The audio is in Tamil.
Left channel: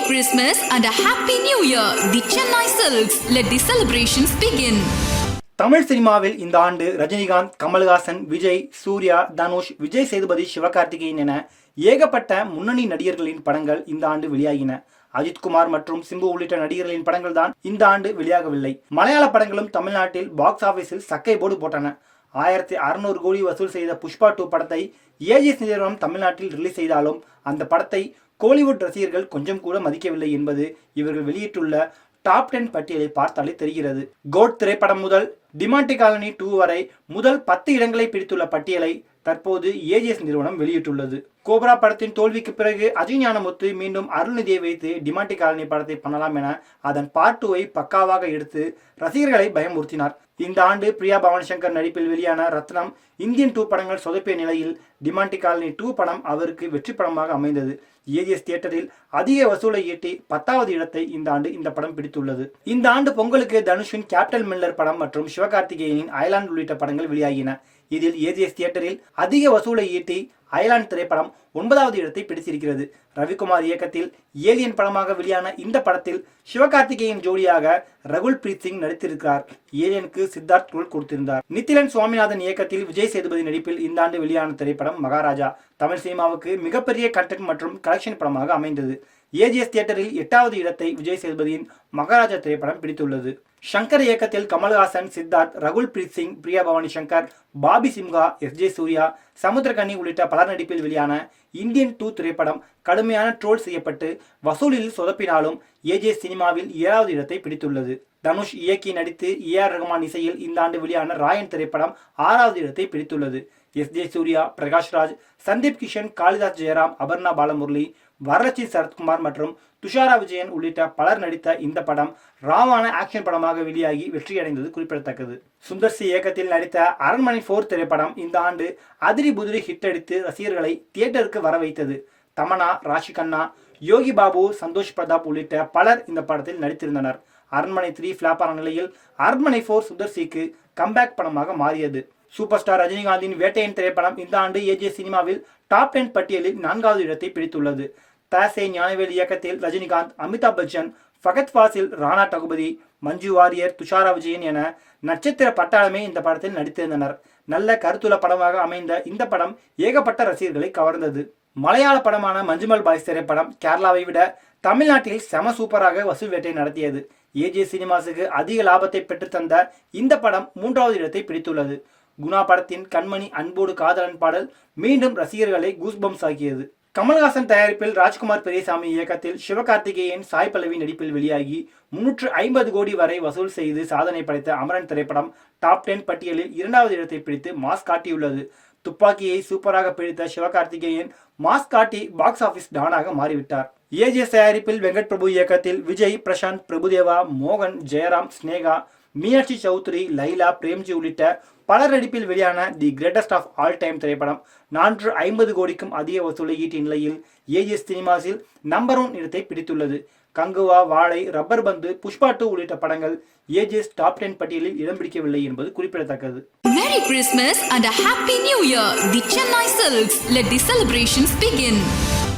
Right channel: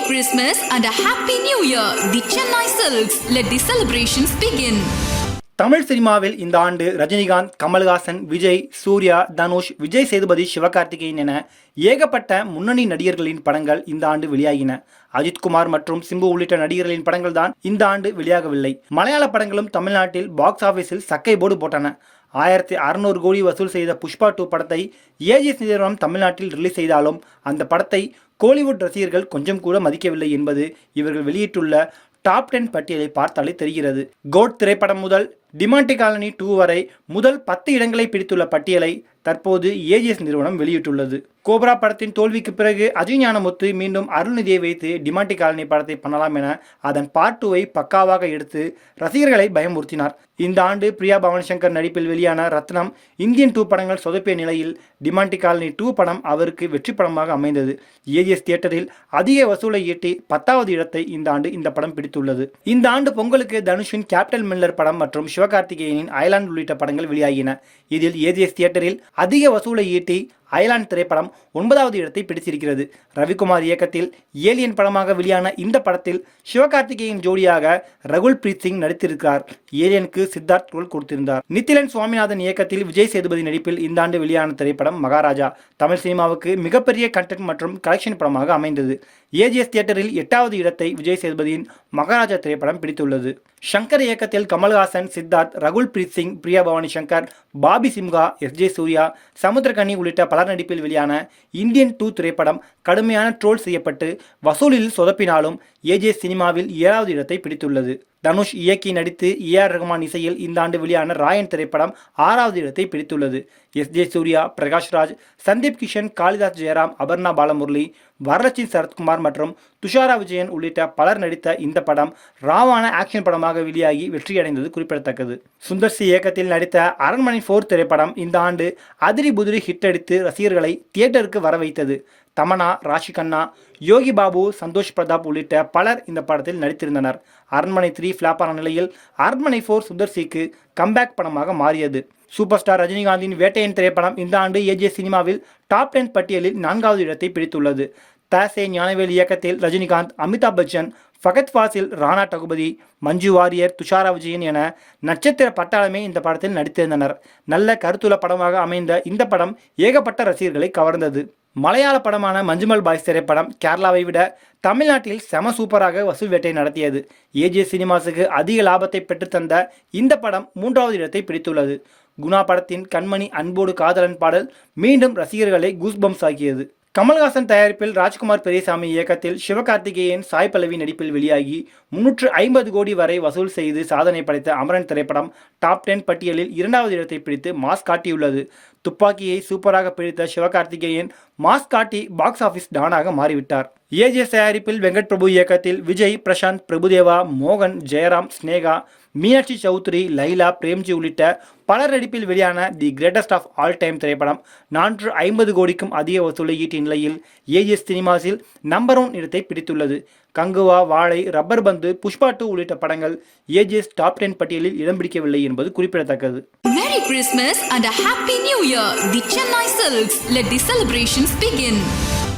Merry Christmas and a Happy New Year. The Chennai Silks. Let the celebrations begin. Tamil சினிமாவில் இந்த ஆண்டு ரஜினிகாந்த், கமல்ஹாசன், விஜய், சூர்யா, தனுஷ், விஜய் சேதுபதி, சிவகார்த்திகேயன் என ஏகப்பட்ட முன்னணி நடிகர்களின் படங்கள் இந்த ஆண்டு வெளியாகின. அஜித்குமார் மற்றும் சிம்பு உள்ளிட்ட நடிகர்களின் படங்கள் தான் இந்த ஆண்டு வெளியாகவில்லை. மலையாள படங்களும் தமிழ்நாட்டில் பாக்ஸ் ஆபீஸில் சக்கை போர்டு போட்டன. 1600 கோடி வசூல் செய்த புஷ்பா 2 படத்தை ஏஜிஎஸ் நிறுவனம் தமிழ்நாட்டில் ரிலீஸ் செய்தாலும் அந்த படத்தை கோலிவுட் ரசிகர்கள் கொஞ்சம் கூட மதிக்கவில்லை என்பது இவர்கள் வெளியிட்டுள்ள டாப் 10 பட்டியலை பார்த்தாலே தெரிகிறது. கோட் திரைப்படம் முதல் டிமாண்டி காலனி 2 வரை முதல் 10 இடங்களை பிடித்துள்ள பட்டியலை தற்போது ஏஜிஎஸ் நிறுவனம் வெளியிட்டுள்ளது. கோப்ரா படத்தின் தோல்விக்கு பிறகு அஜய் ஞானமுத்து மீண்டும் அருள்நிதியை வைத்து டிமாண்டி காலனி படத்தை பண்ணலாம் என அதன் பார்ட் 2வை பக்காவாக எடுத்து ரசிகர்களை பயமுறுத்தினார். இந்த ஆண்டு பிரியா பவானி சங்கர் நடிப்பில் வெளியான ரத்னம், இந்தியன் 2 படங்கள் சொதப்பிய நிலையில் டிமாண்டி காலனி 2 படம் அவருக்கு வெற்றி படமாக அமைந்தது. ஏஜிஎஸ் தியேட்டரில் அதிக வசூலை ஈட்டி 10வது இடத்தை இந்த ஆண்டு இந்த படம் பிடித்துள்ளது. இந்த ஆண்டு பொங்கலுக்கு தனுஷின் கேப்டன் மில்லர் படம் மற்றும் சிவகார்த்திகேயனின் அயலாண்ட் உள்ளிட்ட படங்கள் வெளியாகின. இதில் ஏஜிஎஸ் தியேட்டரில் அதிக வசூலை ஈட்டி அயலாண்ட் திரைப்படம் 9வது இடத்தை பிடித்திருக்கிறது. ரவிக்குமார் இயக்கத்தில் ஏலியன் படமாக வெளியான இந்த படத்தில் சிவகார்த்திகேயன் ஜோடியாக ரகுல் பிரீத் சிங் நடித்திருக்கிறார். ஏலியனுக்கு சித்தார்த் ரோல் கொடுத்திருந்தார். நித்திலன் சுவாமிநாதன் இயக்கத்தில் விஜய் சேதுபதி நடிப்பில் இந்த ஆண்டு வெளியான திரைப்படம் மகாராஜா தமிழ் சினிமாவுக்கு மிகப்பெரிய கண்டென்ட் மற்றும் கலெக்ஷன் படமாக அமைந்தது. ஏஜிஎஸ் தியேட்டரில் 8வது இடத்தை விஜய் சேதுபதியின் மகாராஜா திரைப்படம் பிடித்துள்ளது. ஷங்கர் இயக்கத்தில் கமல்ஹாசன், சித்தார்த், ரகுல் பிரீத் சிங், பிரியா பவானி சங்கர், பாபி சிம்ஹா, எஸ்.ஜே. சூர்யா, சமுத்திரகனி உள்ளிட்ட பலர் நடிப்பில் வெளியான இந்தியன் 2 திரைப்படம் கடுமையான ட்ரோல் செய்யப்பட்டு வசூலில் சொதப்பினாலும் ஏஜிஎஸ் சினிமாவில் 7வது இடத்தை பிடித்துள்ளது. தனுஷ் இயக்கி நடித்து ஏஆர் ரஹ்மான் இசையில் இந்த ஆண்டு வெளியான ராயன் திரைப்படம் 6வது இடத்தை பிடித்துள்ளது. எஸ்.ஜே. சூர்யா, பிரகாஷ்ராஜ், சந்தீப் கிஷன், காளிதாஸ் ஜெயராம், அபர்ணா பாலமுரளி, வரலட்சுமி சரத்குமார் மற்றும் துஷாரா விஜயன் உள்ளிட்ட பலர் நடித்த இந்த படம் ராவான ஆக்ஷன் படமாக வெளியாகி வெற்றியடைந்தது குறிப்பிடத்தக்கது. சுந்தர் சி இயக்கத்தில் நடித்த அரண்மனை 4 திரைப்படம் இந்த ஆண்டு அதிரி புதிரி ஹிட் அடித்து ரசிகர்களை தியேட்டருக்கு வர வைத்தது. தமனா, ராஷி கண்ணா, யோகி பாபு, சந்தோஷ் பிரதாப் உள்ளிட்ட பலர் இந்த படத்தில் நடித்திருந்தனர். அரண்மனை 3 ஃபிளாப்பான நிலையில் அரண்மனை 4 சுந்தர் சிக்கு கம்பேக் படமாக மாறியது. சூப்பர் ஸ்டார் ரஜினிகாந்தின் வேட்டையன் திரைப்படம் இந்த ஆண்டு ஏஜிஎஸ் சினிமாவில் டாப் 10 பட்டியலில் 4வது இடத்தை பிடித்துள்ளது. தாசே ஞானவேல் இயக்கத்தில் ரஜினிகாந்த், அமிதாப் பச்சன், ஃபகத் ஃபாசில், ராணா டகுபதி, மஞ்சு வாரியர், துஷாரா விஜயன் என நட்சத்திர பட்டாளமே இந்த படத்தில் நடித்திருந்தனர். நல்ல கருத்துள்ள படமாக அமைந்த இந்த படம் ஏகப்பட்ட ரசிகர்களை கவர்ந்தது. மலையாள படமான மஞ்சுமல் பாய்ஸ் திரைப்படம் கேரளாவை விட தமிழ்நாட்டில் செம சூப்பராக வசூல் வேட்டை நடத்தியது. ஏஜிஎஸ் சினிமாஸுக்கு அதிக லாபத்தை பெற்றுத்தந்த இந்த படம் 3வது இடத்தை பிடித்துள்ளது. குணா படத்தின் கண்மணி அன்போடு காதலன் பாடல் மீண்டும் ரசிகர்களை கூஸ்பம்ஸ் ஆக்கியது. கமல்ஹாசன் தயாரிப்பில் ராஜ்குமார் பெரியசாமி இயக்கத்தில் சிவகார்த்திகேயன், சாய் பல்லவி நடிப்பில் வெளியாகி 350 கோடி வரை வசூல் செய்து சாதனை படைத்த அமரன் திரைப்படம் டாப் 10 பட்டியலில் 2வது இடத்தை பிடித்து மாஸ் காட்டியுள்ளது. துப்பாக்கியை சூப்பராக பிடித்த சிவகார்த்திகேயன் மாஸ் காட்டி பாக்ஸ் ஆபீஸ் டானாக மாறிவிட்டார். ஏஜிஎஸ் தயாரிப்பில் வெங்கட் பிரபு இயக்கத்தில் விஜய், பிரசாந்த், பிரபுதேவா, மோகன், ஜெயராம், ஸ்னேகா, மீனாட்சி சௌத்ரி, லைலா, பிரேம்ஜி உள்ளிட்ட பலர் நடிப்பில் வெளியான the greatest of all time திரைப்படம் 450 கோடிக்கும் அதிக வசூலை ஈட்டிய நிலையில் ஏஜிஎஸ் சினிமாஸில் நம்பர் 1 இடத்தை பிடித்துள்ளது. கங்குவா, வாழை, ரப்பர் பந்து, புஷ்பா 2 உள்ளிட்ட படங்கள் ஏஜிஎஸ் டாப் 10 பட்டியலில் இடம் பிடிக்கவில்லை என்பது குறிப்பிடத்தக்கது. Merry Christmas and a Happy New Year. The Chennai Silks. Let the celebrations begin.